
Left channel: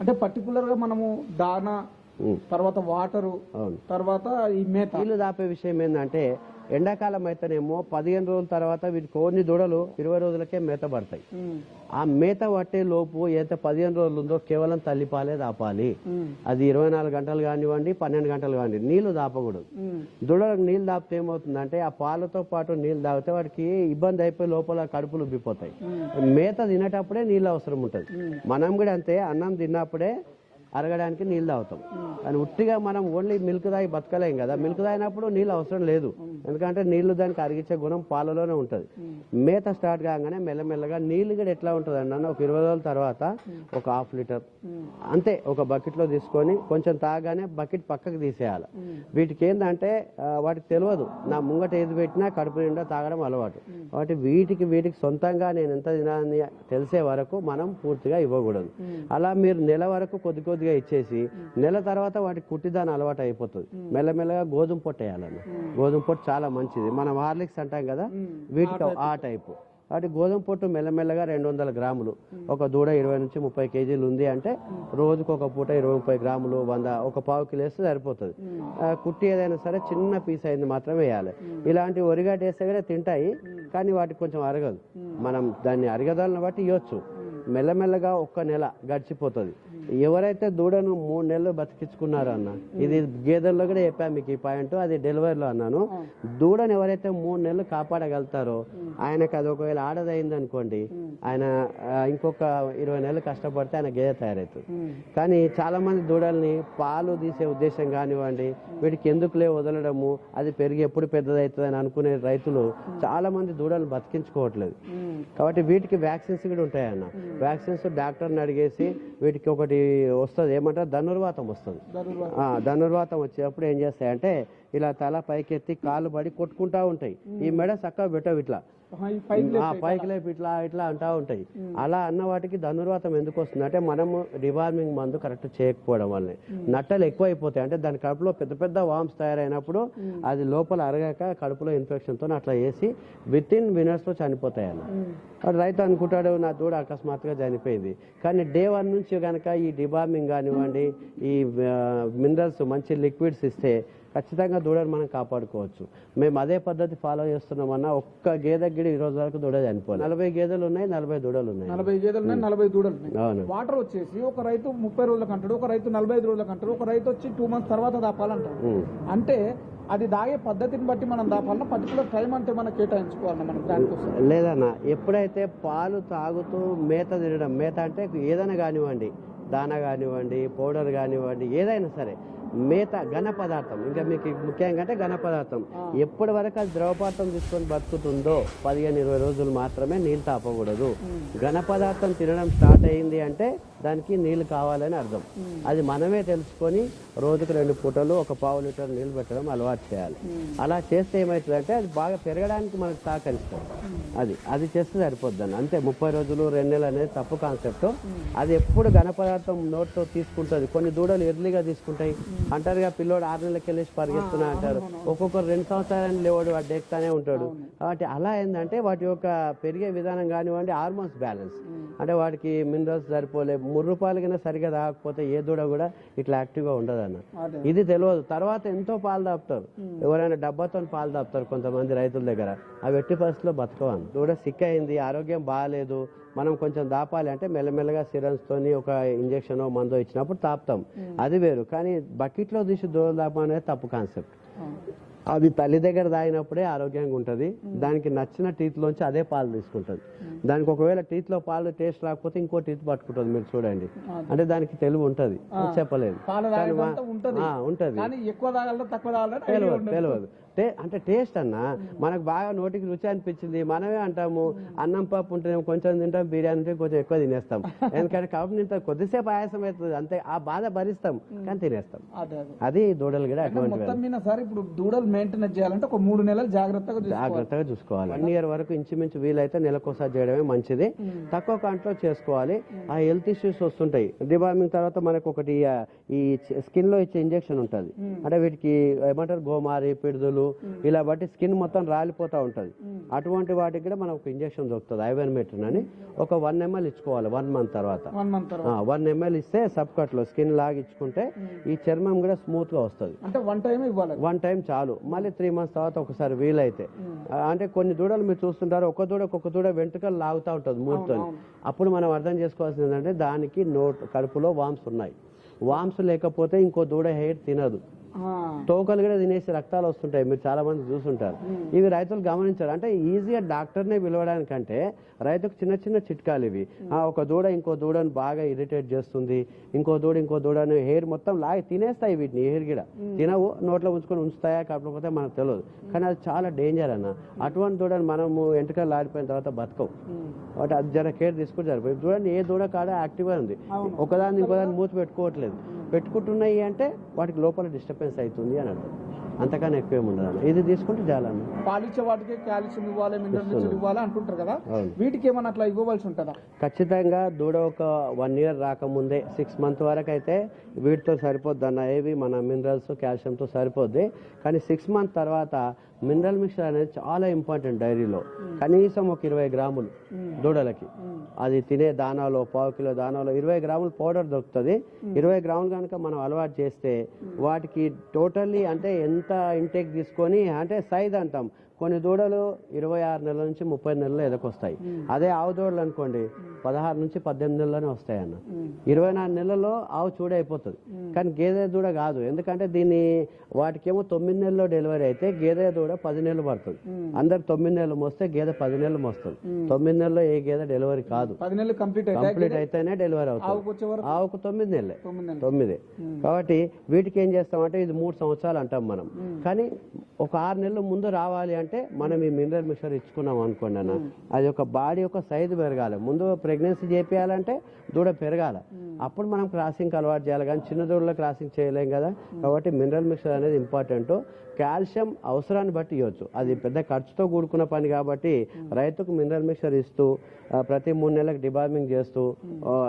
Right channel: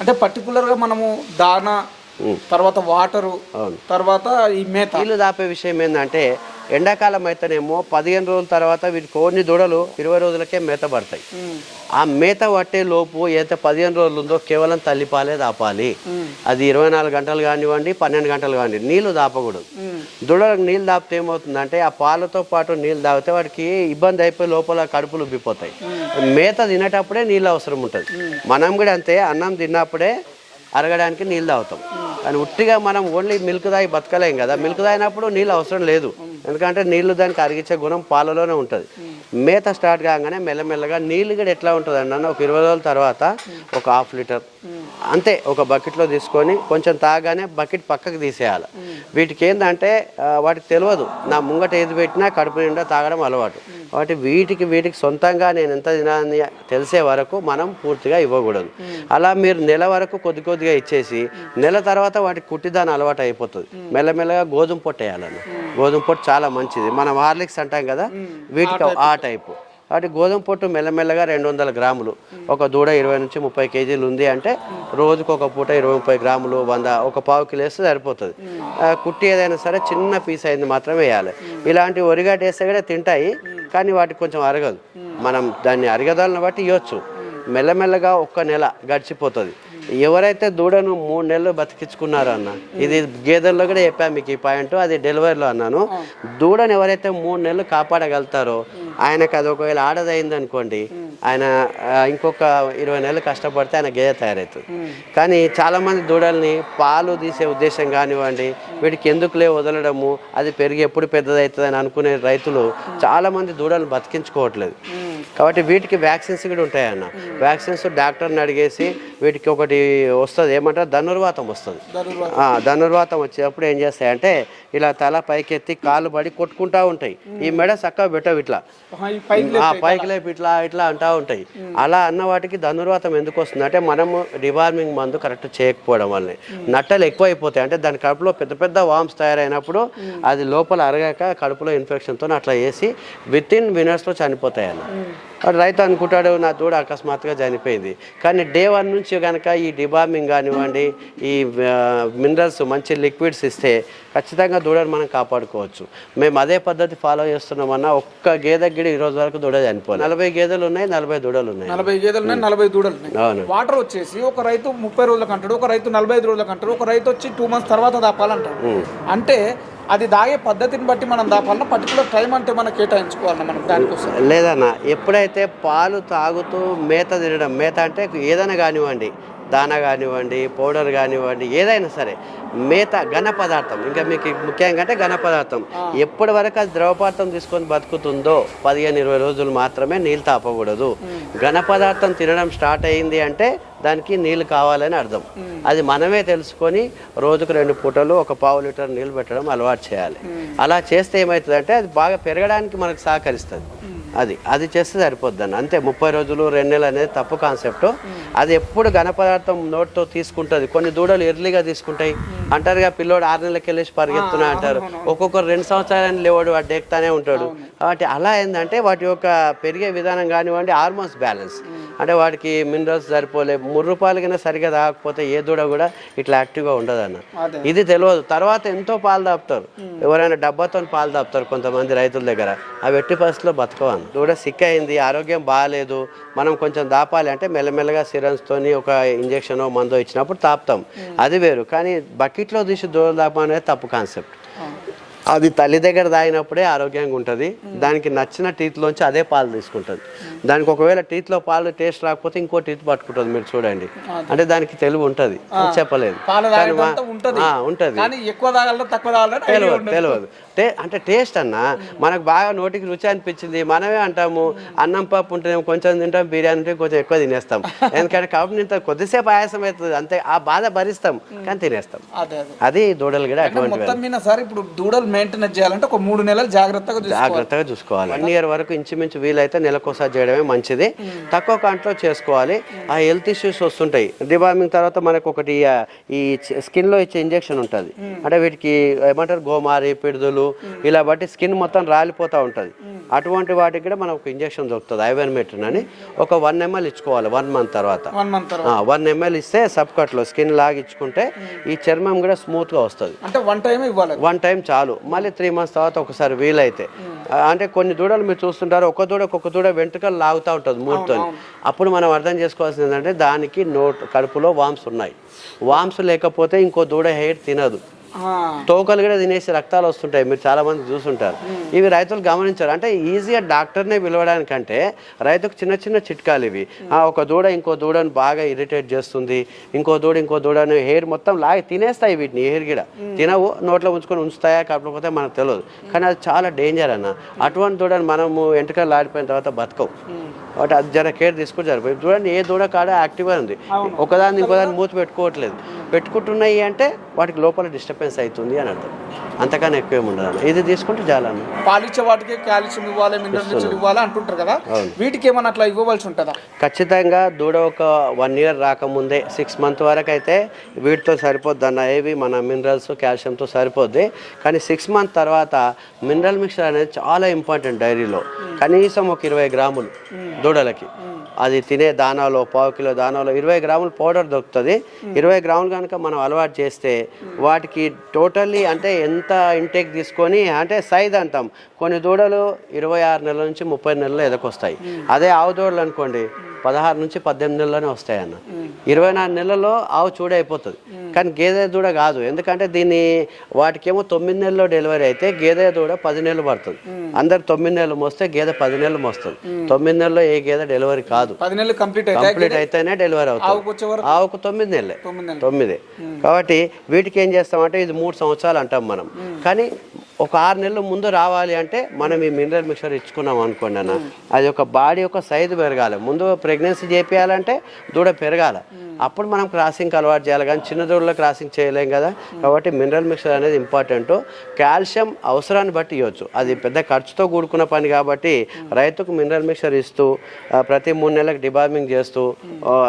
అంటే పర్టికులర్గా మనము దానా తర్వాత వాటరు. తర్వాత ఈ మేత. నీళ్ళు దాపే విషయం ఏంటంటే ఎండాకాలం అయితేనేమో పదిహేను రోజుల తర్వాత వీటి కొన్ని దూడలు ఇరవై రోజులకే మేత పడతాయి. ఆ మేత పట్టే లోపు ఏదైతే పదిహేను రోజులు ఉందో కేవలం తల్లిపాలే దాపాలి. అది ఇరవై నాలుగు గంటలు కానివ్వండి పన్నెండు గంటలు కానివ్వండి నీళ్ళు దాపకూడదు. దూడలకు నీళ్ళు దాపితే ఏమవుతుందంటే ఆ పాలతో పాటు నీళ్ళు తాగితే వాటికి ఇబ్బంది అయిపోయి లోపల కడుపులు ఉబ్బిపోతాయి. మేత తినేటప్పుడే నీళ్ళు అవసరం ఉంటుంది. మనం కూడా అంతే అన్నం తిన్నప్పుడే అరగడానికి నీళ్ళు తాగుతాం. కానీ ఉట్టిగా మనం ఓన్లీ మిల్క్ తాగి బతకలేం కదా. మిల్క్ తాగినప్పుడు నీళ్ళు అవసరం లేదు. ఎందుకంటే నీళ్ళు దానికి అరిగించే గుణం పాలలోనే ఉంటుంది. మేత స్టార్ట్ కాగానే మెల్లమెల్లగా నీళ్ళు కూడా ఎట్లా ఉంటుంది అన్న ఒక ఇరవై రోజుల తర్వాత ఒక హాఫ్ లీటర్. అంతే ఒక బకెట్లో తీసుకొని కొంచెం తాగానే బకెట్ పక్కకు తీసేయాలి. వీటికి ఏంటంటే వాటికి తెలియదు. నా ముంగట ఏది పెట్టినా కడుపు నిండా తాగడం అలవాటు. కాబట్టి వీటికి వీటికి సొంతంగా నేను ఎంత తినాలని తెలిసే వరకు మనం పూర్తిగా ఇవ్వకూడదు. అలా మీరు నెల వరకు కొద్ది కొద్దిగా ఇచ్చేసి నెల తర్వాత వాటికి కుట్టిదాని అలవాటు అయిపోతుంది. మెల్లమెల్లగా గోధుమ పొట్టు వేయాలన్న. గోధుమ పొట్టు చాలా మంచిది. మనం హార్లిక్స్ అంటాం కదా వీటికి ఆ టైపు. వాటి గోధుమ పొట్టు మెల్లమెల్లగా రెండు వందల గ్రాములు. ఒక దూడ ఇరవై నుంచి ముప్పై కేజీలు ఉంది అంటే రోజుకు ఒక పూట ఇరవై ముప్పై గ్రాములు వంద ఒక పావు కిలో వేస్తే సరిపోతుంది. కుట్టి ఏదైనా సరే చిన్న పీస్ అయింది మాత్రమే వేయాలి. ఇలాంటి ఒరిగడ్డ వేస్తే కూడా తింటాయి కానీ వాటికి కొంచెం అరగదు. మనం దాన్ని అరగదాలను బట్టి ఇవ్వచ్చు మెల్లమెల్లగా ఒక్క నెల గడిచిపోతుంది. ఎవరైతే దూడను మూడు నెలలు బతికించుకున్నారో అన్న ఇది గేదెల్లో కూడా చెప్పాను మీకు ఈ పాయింట్ అది డెలివరీలో అన్నాను. దూడను ఎవరైతే మూడు నెలలు కాపాడగలుగుతారో ఆయనకు అది ఒకవేళ ఆడదైంది అనుకోండి ఆయన ఇంకొక ఇరవై నెలలు కష్టపడితే ఆయన గేదె తయారవుతుంది. కానీ చాలామంది దూడల్ని పాలు తీసే ఉద్దేశం కానివ్వండి వీటికి ఎందుకులే వదలడము అది పెరిగి ఎప్పుడు పెద్దదవుతుంది అని అనుకునే రైతులు చాలామంది దూడలను బతికించుకోవట్లేదు. కాబట్టి వీటికి వ్యాక్సిన్స్ కూడా ఉంటాయన్న. వ్యాక్సిన్స్ డాక్టర్ని అడిగేసి వీటికి ఒకటి వస్తుంది. ఏమంటారు? ధనుర్వాతం వస్తుంది. ధనుర్వాతం. వచ్చేటప్పుడు ఏం చేస్తాయంటే ఇలా తల పైకెత్తి కాళ్ళు పడి కొట్టుకుంటా ఉంటాయి. ఈ మెడ చక్కగా పెట్టవు ఇట్లా. పైకి లేపి ఇట్లా. ఇట్లా అంటా ఉంటాయి. అలా అన్న వాటికి ధనుర్వాతం ఎందుకు వస్తుంది? అంటే మనము డివార్మింగ్ మందు కరెక్ట్ చేయకపోవడం వల్లనే. నట్టలు ఎక్కువ అయిపోతాయి అంటే దాని కడుపులో పెద్ద పెద్ద వామ్స్ తయారైనప్పుడు అది లోపల అరగాక కడుపులో ఇన్ఫెక్షన్తో అట్లా చేసి విత్ ఇన్ వినర్స్లో చనిపోతాయి అన్న Mm. వాడు రైతు అనుకుంటాడు నా దూడ అకస్మాత్తుగా చనిపోయింది. కానీ డే వన్ నుంచి కనుక ఈ డిబార్మింగ్ కానివ్వండి ఈ మినరల్స్ మంచి లిక్విడ్స్ ఇస్తే ఖచ్చితంగా దూడను మనం కాపాడుకోవచ్చు. మేము అదే పద్ధతి ఫాలో చేస్తున్నామన్నా ఒక్క గేదె గిడి ఈ రోజు వరకు దూడ చనిపోయింది నలభై గేదెలు ఉన్నాయి నలభై దూడలు ఉన్నాయి. నలభై గేదెలు ఉన్నాయి నలభై దూడలు ఉన్నాయి. అవును. వాటర్ వచ్చేసి ఒక రైతు ముప్పై రోజులకు అంటాడు ఒక రైతు నలభై ఐదు రోజులకు అంటాడు ఒక రైతు వచ్చి టూ మంత్స్ తర్వాత దాపాలంటాడు. అంటే అది దాగే పద్ధతిని బట్టి మనం దాపాలన్నా పర్టికులర్ టైం అంటే మనం కేటాయించుకోవాలన్నా మనం దానికోసం. లేదన్న ఎప్పుడైతే పాలు తాగుతూ మేత తినడం మేత అంటే ఏదైనా కానివ్వండి దానా కానివ్వండి పౌడర్ కానివ్వండి ఏదైనా సరే మేత ఘన పదార్థం. ఇంకా మీకు ముఖ్యంగా అంటే ఘన పదార్థం. ఎప్పటి వరకు అది ద్రవ పదార్థం తీసుకొని బతుకుతుందో పదిహేను ఇరవై రోజులు మాత్రమే నీళ్ళు తాపకూడదు. ఘన పదార్థం తినడం స్టార్ట్ అయింది అంటే దానికి నీళ్ళు కావాలని అర్థం. అది మనమే తెలుసుకొని రోజుకు రెండు పూటలు ఒక పావు లీటర్ నీళ్ళు పెట్టడం అలవాటు చేయాలి. అలా చేస్తే ఏమవుతుందంటే అది బాగా పెరగడానికి మనకు సహకరిస్తుంది. అది అది చేస్తే సరిపోద్ది అంతే ముప్పై రోజులు రెండు నెలలు అనేది తప్పు కాన్సెప్ట్. అది ఎప్పుడు ఘన పదార్థం నోట్తో తీసుకుంటుంది. కొన్ని దూడలు ఎర్లీగా తీసుకుంటాయి. అంటారుగా పిల్లోడు ఆరు నెలలకి వెళ్ళేసి పరిగెత్తున్నా అంటారు. ఒక్కొక్కరు రెండు సంవత్సరాలు లేవాడు వాడు ఎక్కుతానే ఉంటాడు. కాబట్టి అలా ఏంటంటే వాటి యొక్క పెరిగే విధానం కానివ్వండి హార్మోన్స్ బ్యాలెన్స్ అంటే వాటికి మినరల్స్ సరిపోలే మూడు రూపాయలకైనా సరిగా తాగకపోతే ఏ దూడ కూడా ఇట్లా యాక్టివ్గా ఉండదు అన్న అదే. ఇది తెలియదు. తర్వాత ఎంతో పాలు దాపుతారు ఎవరైనా డబ్బాతో పాలు దాపుతారు కొంతమంది రైతుల దగ్గర. అవి ఎట్టి పరిస్థితిలో బతకవను దూడ సిక్ అయింది ఆరోగ్యం బాగాలేదు మనం కొంచెం దాపాలి అంటే మెల్లమెల్లగా సిరన్స్తోని ఒక ఇంజెక్షన్ మందో ఇచ్చినప్పుడు తాపుతాం. అది వేరు. కానీ బకెట్లో తీసి దూడ దాపం అనేది తప్పు కాన్సెప్ట్. అది తల్లి దగ్గర తాగినప్పుడే ఆరోగ్యంగా ఉంటుంది. దానికి నచ్చిన టీత్లోంచి అదే పాలు తీసుకుంటుంది. దానికి ఒకవేళ టీత్లో పాలు టేస్ట్ రాకపోతే ఇంకో టీత్ పట్టుకుంటుంది మీరు చూడండి. అంటే దానికి తెలివి ఉంటుంది. చెప్పలేదు. ఉంటది. తెలియదు. టే అంటే టేస్ట్ అన్న మనకు బాగా నోటికి రుచి అనిపించింది మనమే అంటాము అన్నం పప్పు ఉంటేనేమో కొంచెం తింటాం బిర్యానీ ఉంటే కొంచెం ఎక్కువ తినేస్తాం. ఎందుకంటే కాబట్టి ఇంత కొద్దిసేపు ఆయాసం అవుతుంది అంతే ఆ బాధ భరిస్తాం కానీ తినేస్తాం. అదే దూడలు కూడా అటువంటి సార్ ఇప్పుడు దూడలు మెయింటెనెన్స్ చేయాలంటే ఒక మూడు నెలలు జాగ్రత్తగా జాగ్రత్తగా చూసుకోవాలి. వన్ ఇయర్ వరకు ఇంచుమించు వీలైతే నెలకోసారి చేయడమే మంచిది. తక్కువ కాంట్లో చేసుకోవాలి. ఆ హెల్త్ ఇష్యూస్ వస్తుంటాయి. డిబార్మింగ్ తర్వాత మనకు ఒకటి ఈ స్కిన్లో ఇచ్చే ఇంజెక్షన్ ఉంటుంది. అంటే వీటికి ఏమంటారు గోమారి పిడుదలు ఇలా బట్టి స్కిన్ మొత్తం రాలిపోతూ ఉంటుంది. అటువంటి వాటికి కూడా మనకు ఒక ఇంజెక్షన్ దొరుకుతుంది ఐవెన్మెట్రిన్ అని. ఒక వన్ ఎంఎల్ ఇచ్చుకోవాలి వన్ మంత్ తర్వాత. వన్ ఎంఎల్ ఇస్తే సబ్ కట్లో స్కిన్ లాగా ఇచ్చుకుంటే ఈ చర్మం కూడా స్మూత్గా వస్తుంది. అంటే వన్ టైం ఇవ్వాలి. వన్ టైం చాలు. మళ్ళీ త్రీ మంత్స్ తర్వాత ఒకసారి వీలైతే. అంటే కొన్ని దూడలు మీరు చూస్తుంటారు ఒక దూడ ఒక దూడ వెంట్రుకలు లాగుతూ ఉంటుంది మూడుతో అప్పుడు మనం అర్థం చేసుకోవాల్సింది ఏంటంటే దానికి నోట్ కడుపులో వామ్స్ ఉన్నాయి. వామ్స్ లేకపోతే ఇంకో దూడ హెయిర్ తినదు. తోకలు కూడా తినేసి రక్తాలు వస్తుంటాయి. మీరు చాలా మంది చూస్తుంటారు ఇవి రైతులు గమనించారు. అంటే ఈజీగా డాక్టర్నే పిలవడానికంటే రైతుకు చిన్న చిన్న చిట్కాలు ఇవి. ఆ, ఒక దూడ ఇంకో దూడను బాగా ఇరిటేట్ చేస్తుంది. ఇంకో దూడ ఇంకో దూడను హెయిర్ మొత్తం లాగి తినేస్తాయి వీటిని హెయిర్ గిడ తినవు నోట్లో ఉంచుకొని ఉంచుతాయా కాకపోతే మనకు తెలియదు. కానీ అది చాలా డేంజర్ అన్న. అటువంటి దూడను మనము ఎంటకలు లాడిపోయిన తర్వాత బతకవు. కాబట్టి అది జర కేర్ తీసుకుంటే సరిపోయి చూడండి ఏ దూడ కాడ యాక్టివ్గా ఉంది. ఒకదాన్ని ఇంకోదాన్ని మూతి పెట్టుకోవట్లేదు. పెట్టుకుంటున్నాయి అంటే వాటికి లోపల డిస్టర్బెన్స్ అవుతుంది అని అర్థం. అంతకన్నా ఎక్కువ ఉండదు. ఇది తీసుకుంటే చాలా పాలిచ్చే వాటికి కాల్షియం ఇవ్వాలి మినరల్స్ ఇవ్వాలి అంటుంటారు కదా. వీటికి ఏమన్నా అట్లా ఇవ్వవలసి ఉంటుందా? ఖచ్చితంగా దూడ ఒక వన్ ఇయర్ రాకముందే సిక్స్ మంత్ వరకు అయితే వీటితో సరిపోద్ది అన్న. ఏవి? మన మినరల్స్ కాల్షియంతో సరిపోద్ది. కానీ సిక్స్ మంత్ తర్వాత మినరల్ మిక్చర్ అనేది చాలా ఇంపార్టెంట్ డైరీలో. కనీసం ఒక ఇరవై గ్రాములు దూడలకి. అది తినే దానాలో పావు కిలో దానాలో ఇరవై గ్రాములు పౌడర్ దొరుకుతుంది. ఇరవై గ్రాములు కనుక మనం అలవాటు చేస్తే వాటికి టోటల్లీ అంటే ఎంత ఇంటేక్ తీసుకొని అంటే సైజ్ అంటాం. కొన్ని దూడలు ఇరవై ఆరు నెలల నుంచి ముప్పై నెలలు ఎదకొస్తాయి. అదే ఆవు దూడలు అనుకోండి. పదహారు నుంచి పద్దెనిమిది నెలలోనే వస్తాయి అన్న ఇరవై నాలుగు నెలల్లో ఆవు చూడ అయిపోతుంది. కానీ గేదె దూడ కాదు. ఎందుకంటే దీన్ని వాటికేమో తొమ్మిది నెలల్లో డెలివరీ అయితే గేదె దూడ పది నెలలు పడుతుంది. అందరు తొమ్మిది నెలలు మోస్తే గేదె పది నెలలు మోస్తుంది. తొమ్మిది నెలల్లో ఏ గేదె డెలివరీ కాదు. పది నెలలు కంప్లీట్ కంప్లీట్ అయితేనే డెలివరీ అవుతుంది. ఆవుకు తొమ్మిది నెలలు. తొమ్మిది కాబట్టి వీటికి ఏం చేస్తామంటే ఇది మూడు సంవత్సరాలు అంటాం మనం. కానీ ఒక ఆరు నెలల ముందు రావాలి అంటే మనం ఈ మినరల్ మిక్చర్ ఇచ్చుకున్నాం అనుకోండి అన్న. అది ఒక బాడీ యొక్క సైజు పెరగాలి. ముందు ప్రెగ్నెన్సీ చేపియాలంటే దూడ పెరగాలి. అప్పుడు మనం క్రాసింగ్కి అలవాటు చేయాలి కానీ చిన్న దూడలో క్రాసింగ్ చేయలేం కదా. కాబట్టి మినరల్ మిక్చర్ అనేది ఇంపార్టెంట్ కాల్షియం అవసరాన్ని బట్టి ఇవ్వచ్చు. అది పెద్ద ఖర్చుతో కూడుకున్న పని కాబట్టి రైతుకు మినరల్ మిక్చర్ ఇస్తూ ప్రతి మూడు నెలలకు డిబార్మింగ్ చేస్తూ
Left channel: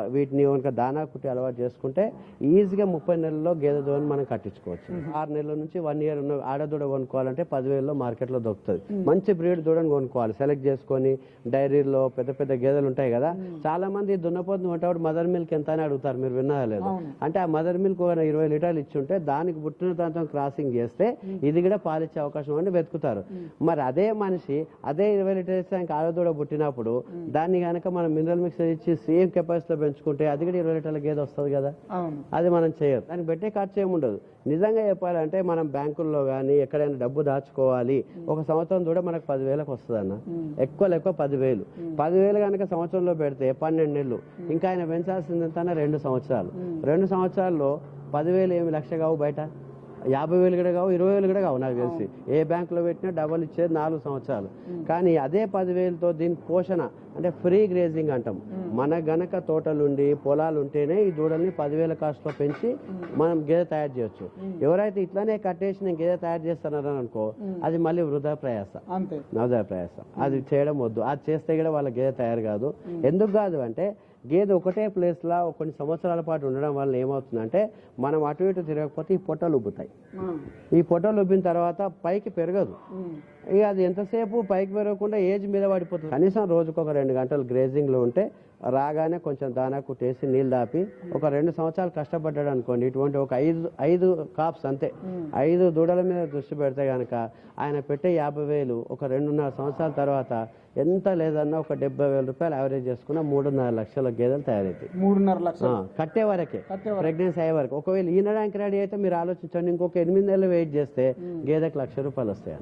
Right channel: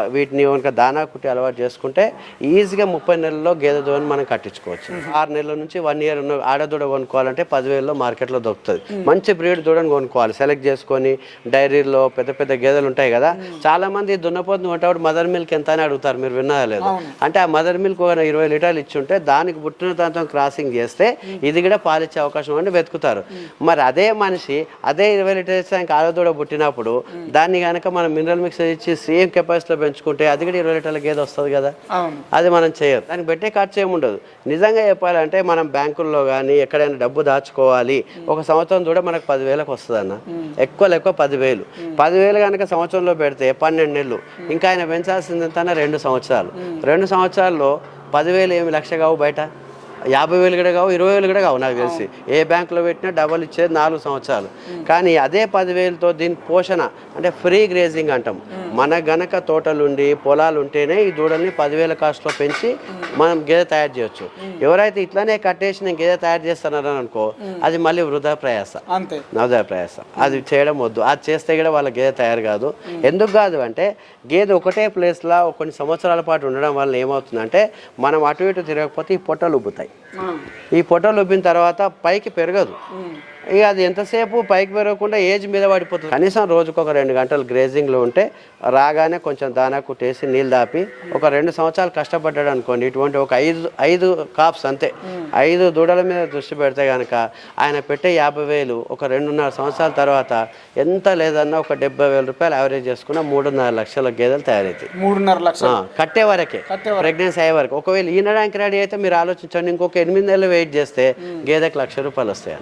వీటిని కనుక దానా కుట్టి అలవాటు చేసుకుంటే ఈజీగా ముప్పై నెలల్లో గేదె దూడని మనం కట్టించుకోవచ్చు. ఆరు నెలల నుంచి వన్ ఇయర్ ఉన్న ఆడదూడ కొనుక్కోవాలంటే పదివేలలో మార్కెట్లో దొరుకుతుంది. మంచి బ్రీడ్ దూడని కొనుక్కోవాలి. సెలెక్ట్ చేసుకొని డైరీలో పెద్ద పెద్ద గేదెలు ఉంటాయి కదా. చాలామంది దున్నపోతుని కొంటప్పుడు మదర్ మిల్క్ ఎంత? అని అడుగుతారు మీరు విన్నారా లేదు. అంటే ఆ మదర్ మిల్క్ ఒక ఇరవై లీటర్లు ఇచ్చుంటే దానికి పుట్టిన దాంతో క్రాసింగ్ చేస్తే ఇది కూడా పాలిచ్చే అవకాశం అని వెతుకుతారు. మరి అదే మనిషి అదే ఇరవై లీటర్స్ దానికి ఆడదూడ పుట్టినప్పుడు దాన్ని కనుక మనం మినరల్ మిక్సర్ ఇచ్చి సేమ్ కెపాసిటీలో పెంచుకుంటే అది కూడా ఇరవై లీటర్ల గేదె వస్తుంది కదా? అది మనం చేయదు దానికి పెట్టే ఖర్చు ఏముండదు నిజంగా చెప్పాలంటే మనం బ్యాంకుల్లో కానీ ఎక్కడైనా డబ్బు దాచుకోవాలి. ఒక సంవత్సరం కూడా మనకు పదివేలకు వస్తుంది అన్న ఎక్కువ ఎక్కువ పదివేలు. పదివేలు కనుక సంవత్సరంలో పెడితే పన్నెండు నెలలు. ఇంకా ఆయన పెంచాల్సింది ఎంత రెండు సంవత్సరాలు. రెండు సంవత్సరాల్లో పదివేలు ఏమి లక్ష కావు బయట? యాభై వేలు కూడా కావు ఇరవై వేలు కూడా కావు నాకు తెలిసి. ఏ బ్యాంకులో పెట్టినా డబల్ ఇచ్చేది నాలుగు సంవత్సరాలు. కానీ అదే పదివేలతో దీని పోషణ అంటే ఫ్రీ గ్రేజింగ్ అంటాం. మన గనక తోటలుండి పొలాలు ఉంటేనే ఈ దూడల్ని పదివేల కాస్ట్లో పెంచి మనం గేదె తయారు చేయొచ్చు. ఎవరైతే ఇట్లానే కట్టేసి నేను గేదె తయారు చేస్తున్నారని అనుకో అది మళ్ళీ వృధా ప్రయాస. నవోదయ ప్రయాస. అది చేయడం వద్దు. అది చేస్తే కూడా వాళ్ళ గేదె తయారు కాదు. ఎందుకు కాదు అంటే గేదె ఒకటే ప్లేస్లో కొన్ని సంవత్సరాల పాటు ఉండడం వల్ల ఏమవుతుందంటే మనం అటు ఇటు తిరగకపోతే ఈ పొట్టలు ఉబ్బుతాయి. ఈ పొట్టలు ఉబ్బిన తర్వాత పైకి పెరగదు. ఇక అది ఎంతసేపు పైకి పెరగకుండా ఏజ్ మీద పడిపోతుంది. కనీసం రోజుకు ఒక రెండు గంటలు గ్రేజింగ్లో ఉంటే రాగానే కొంచెం దానా కుట్టేసి నీళ్ళు దాపి ఒక రెండు సంవత్సరాలు కష్టపడ్డాడు అనుకోండి. ఇటువంటి ఒక ఐదు ఐదు కాప్స్ అంతే. ఐదు దూడల మీద దృష్టి పెడితే కనుక ఆయన పెట్టే యాభై వేలు ఒక రెండున్నర సంవత్సరాల తర్వాత ఎంత లేదన్నా ఒక డెబ్బై వేల రూపాయలు యావరేజ్ చేసుకున్న మూడున్నర లక్షల గేదెలు తయారవుతాయి మూడున్నర లక్షలు. కట్టే వరకే. ప్రెగ్నెన్సీ అయ్యే వరకు. ఒకవేళ ఈనడానికి రెడీ అయితే మీరు ఆలోచించండి. ఇంకొక ఎనిమిది నెలలు వెయిట్ చేస్తే గేదెకి లక్ష రూపాయలు వస్తాయి.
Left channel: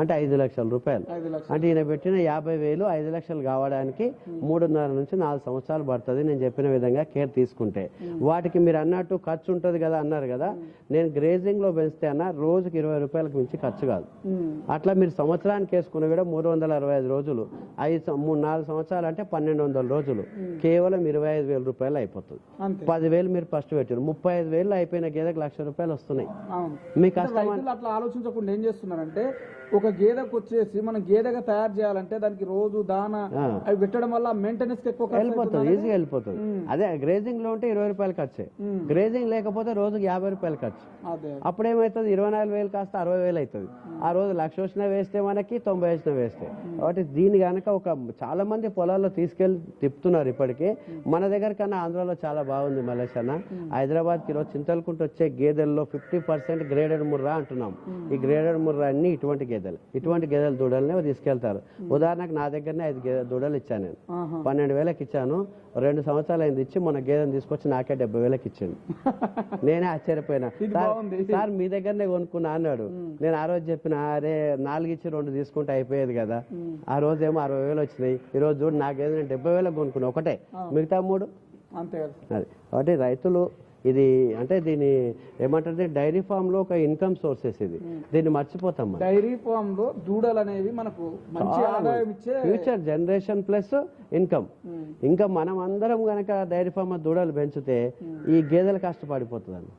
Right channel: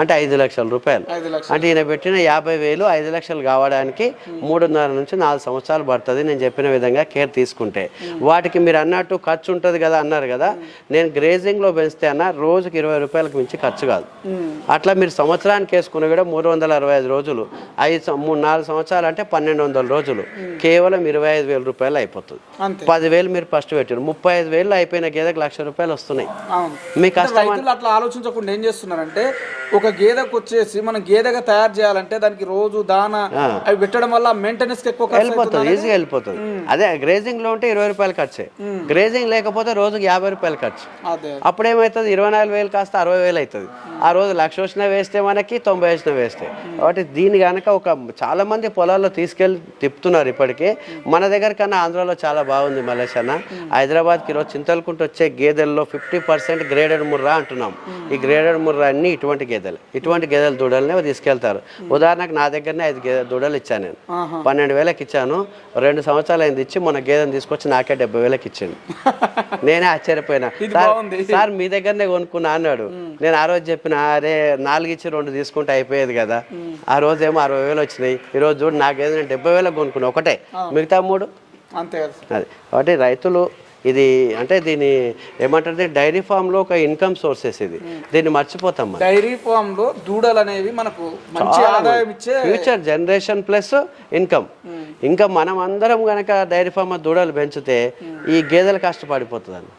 అంటే ఐదు లక్షల రూపాయలు. అంటే ఈయన పెట్టిన యాభై వేలు ఐదు లక్షలు కావడానికి మూడున్నర నుంచి నాలుగు సంవత్సరాలు పడుతుంది. నేను చెప్పిన విధంగా కేర్ తీసుకుంటే. వాటికి మీరు అన్నట్టు ఖర్చు ఉంటుంది కదా అన్నారు కదా నేను గ్రేజింగ్లో పెంచితే అన్న రోజుకి ఇరవై రూపాయలకు మించి ఖర్చు కాదు. అట్లా మీరు సంవత్సరానికి వేసుకుని కూడా మూడు వందల అరవై ఐదు రోజులు. ఐదు మూడు నాలుగు సంవత్సరాలు అంటే పన్నెండు వందల రోజులు. కేవలం ఇరవై ఐదు వేల రూపాయలు అయిపోతుంది. పదివేలు మీరు ఫస్ట్ పెట్టారు. ముప్పై ఐదు వేలు అయిపోయిన గేదెకి లక్ష రూపాయలు వస్తున్నాయి. అవును. మీ అంటే కష్టం రైతులు అట్లా ఆలోచించకుండా ఏం చేస్తున్నారంటే ఒక గేదెకు వచ్చేసి మనం గేదెగా తయారు చేయాలంటే దానికి రోజు దాన అవి పెట్టడం వల్ల మెయింటెనెన్స్ ఎక్కువ వెళ్ళిపోతుంది ఈజీగా వెళ్ళిపోతుంది అదే గ్రేజింగ్లో ఉంటే ఇరవై రూపాయలు ఖర్చే. గ్రేజింగ్ లేకపోతే రోజుకి యాభై రూపాయలు ఖర్చు. అప్పుడు ఏమవుతుంది ఇరవై నాలుగు వేలు కాస్త అరవై వేలు అవుతుంది. ఆ రోజు లక్ష వచ్చిన వేస్తే మనకి తొంభై వచ్చిన వేస్తే. కాబట్టి దీని కనుక ఒక చాలా మంది పొలాల్లో తీసుకెళ్ళి తిప్పుతున్నారు ఇప్పటికే. మన దగ్గర కన్నా ఆంధ్రాలో చాలా బాగుంది మలేష్ అన్న. హైదరాబాద్కి ఈరోజు చింతలకుంటూ వచ్చే గేదెల్లో ఫిఫ్టీ పర్సెంట్ గ్రేడెడ్ ముర్రా అంటున్నాం. ఈ గ్రేడెడ్ ముర్రా అన్ని ఇటువంటి గేదెలు. ఇటువంటి గేదెల దూడలనే తీసుకెళ్తారు. ఉదాహరణకు నా దగ్గరనే ఐదు గేదె దూడలు ఇచ్చాను నేను. పన్నెండు వేలకు ఇచ్చాను. రెండు సంవత్సరాలు అయింది ఇచ్చి మన గేదెని తీసుకొచ్చి నాకే డెబ్బై వేలకు ఇచ్చిండు. నేనే ఆశ్చర్యపోయినా. సార్ సార్ మీ దగ్గరనే కొనుక్కున్నా అన్నాడు. నేను ఆ రోజు చెప్పిన అరే నాలుగు ఇచ్చి రెండు తీసుకుంటే అయిపోయేది కదా. ఆ రోజు ఏమో అరవై వేలు వచ్చినాయి. ఈ రోజు చూడు నాకు ఏదైనా డెబ్బై వేలకు కొనుక్కున్నా. ఒకటే. మిగతా మూడు? అంతే కదా. అది. కాబట్టి రైతులు ఇది అంటే దీని ఏమంటారు డైరీ ఫామ్లో ఒక ఇన్కమ్ సోర్సెస్ ఇది. దీన్ని మర్చిపోతాం డైరీ ఫామ్లో దూడలు అనేవి మనకు మంచి ఆదాయం ఇచ్చే ఫ్యూచర్ జనరేషన్ ప్లస్ ఇన్కమ్. ఇంకా మనం అందరం కనుక డైరీ ఫామ్ దూడలు పెంచితే ఈ గేదెలు కష్టపడిపోతుందండి.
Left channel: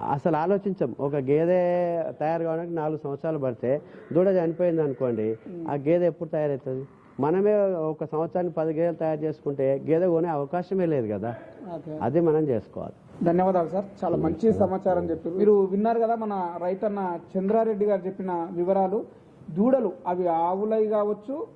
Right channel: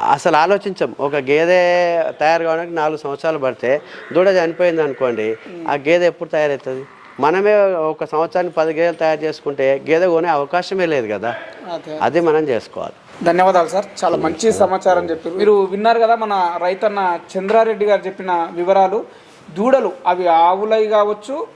అసలు ఆలోచించం. ఒక గేదె తయారు కావడానికి నాలుగు సంవత్సరాలు పడితే దూడ చనిపోయింది అనుకోండి ఆ గేదె ఎప్పుడు తయారవుతుంది? మనమే ఒక సంవత్సరానికి పది గేదెలు తయారు చేసుకుంటే గేదె కొనే అవకాశమే లేదు కదా. అదే. మనం చేసుకోవాలి. ధన్యవాదాలు సార్. చాలా మంచి సమాచారం చెప్పారు. మీరు విన్నారు కదా మన రైతన్న చంద్రారెడ్డి గారు చెప్పిన వివరాలు. దూడలు అవి ఆవులై కావచ్చు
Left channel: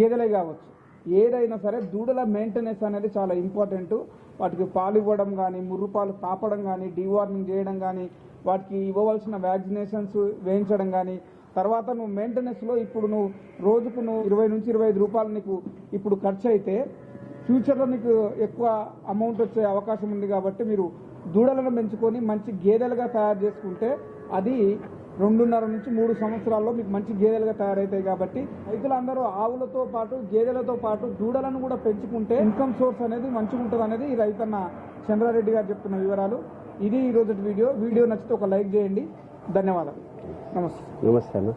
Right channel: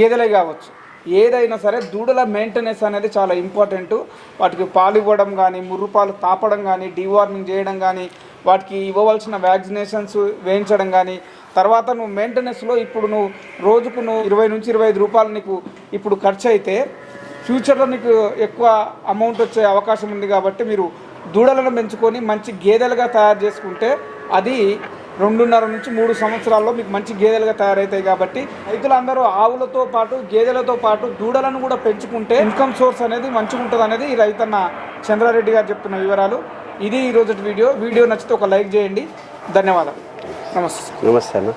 గేదెలై కావచ్చు. ఏదైనా సరే దూడల మెయింటెనెన్స్ అనేది చాలా ఇంపార్టెంట్ వాటికి పాలు ఇవ్వడం కానీ ముర్రు పాలు తాపడం కానీ డీవార్మింగ్ చేయడం కానీ వాటికి ఇవ్వవలసిన వ్యాక్సినేషన్స్ వేయించడం కానీ తర్వాత నువ్వు మెయింటెనెన్స్లో ఇప్పుడు నువ్వు రోజుకు నువ్వు ఇరవై నుంచి ఇరవై ఐదు రూపాయలు నీకు ఇప్పుడు ఖర్చు అయితే ఫ్యూచర్లో నీకు ఎక్కువ అమౌంట్ వచ్చే అవకాశం ఉంది కాబట్టి మీరు దూడలను పెంచుకొని మంచి గేదెలుగా తయారు చేసుకుంటే అది రెండున్నర నుంచి మూడు సంవత్సరాల్లో మీకు మంచి గేదెలుగా తయారవుతాయి కాబట్టి రైతులందరూ ఆవులతో పాటు గేదెలతో పాటు దూడలను కూడా పెంచుకుంటే ఇన్కమ్ సోర్స్ అనేది మంచిగా ఉంటుంది అనేది ఈ రైతన్న చంద్రారెడ్డి గారు చెప్తున్న వివరాలు. ఇది ఈ రోజు వీడియో. వీడియో నచ్చితే ఒక లైక్ చేయండి. ధన్యవాదాలు. నమస్తే. నమస్తే అన్న.